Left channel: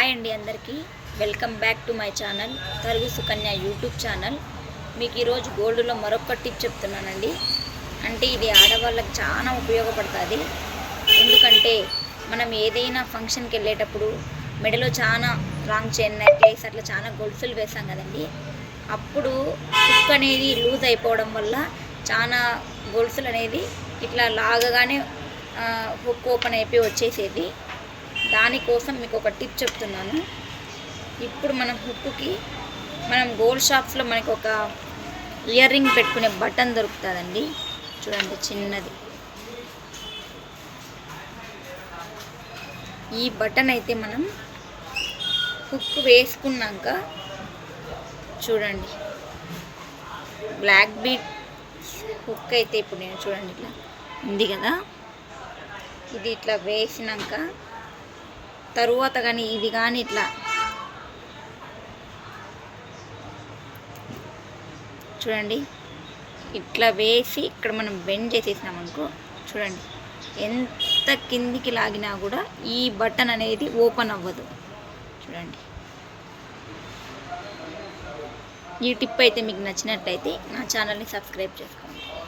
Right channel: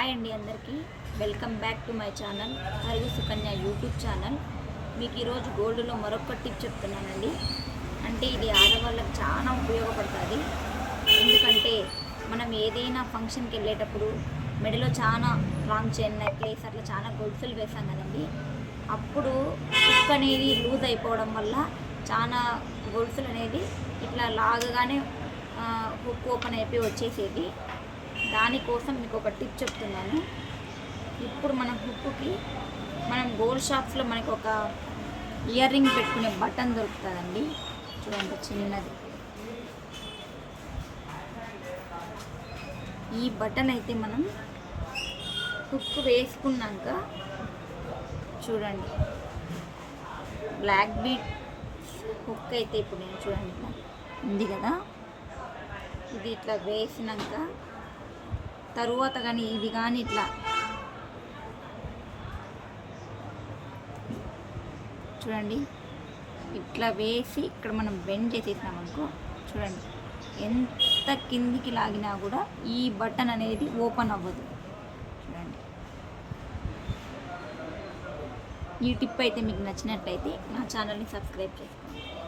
Hi అండి అందరికీ welcome back to my channel తరుగు సుకన్య యూట్యూబ్ ఛానల్. మీకు ఈరోజు గోల్డ్లో మరొక టిప్ చెప్తున్నానండి. అంటే ఇది ఆడవాళ్ళకి చాలా ఉపయోగపడుతుంది. ఎందుకంటే మనం ఏదైనా ఫంక్షన్కి వెళ్ళేటప్పుడు మెడలో చాలా లాంగ్ చైన్ నెక్లెస్ అట్లా చాలా గొలుసులు వేసాం కదండి. అప్పుడు హుక్ అనేది లూజ్ అయిపోవడం వల్ల చాలా గొలుసులు అనేది ఇట్లా లాగగానే హుక్ ఓపెన్ అయిపోయి వచ్చేసేది. దానికోసం మీకు ఒక టిప్ చెప్తున్నాను. ఇప్పుడు మనం హుక్కి మనం గోల్డ్ షాప్స్లో మనకు ఒక ఇయర్ రింగ్ పెట్టుకునే బటన్ దొరుకుతుందండి. చూడండి చిన్నది. ఈ బటన్ అయితే మనం హుక్ వేసుకున్నాక చూడండి బ్లాక్ బీడ్ హుక్ అయితే ఇప్పుడు నేను చూడండి ఇట్లా ఉంది కదా, ఇది ఇట్లా వేసినాక తరువాత కానీ ఇది కానీ ఇట్లా చూడండి ఇట్లా వేసి ఇక్కడ మనం బెండ్ చేసేసినాం అనుకో, చూడండి ఎంత కిందికి లాగినా కూడా ఈ బటన్ అనేది ఓపెన్ అవ్వదు. చూడండి ఈ టిప్ అయితే మీకు నచ్చినట్లయితే నా ఛానల్ని సబ్స్క్రైబ్ చేసుకోండి.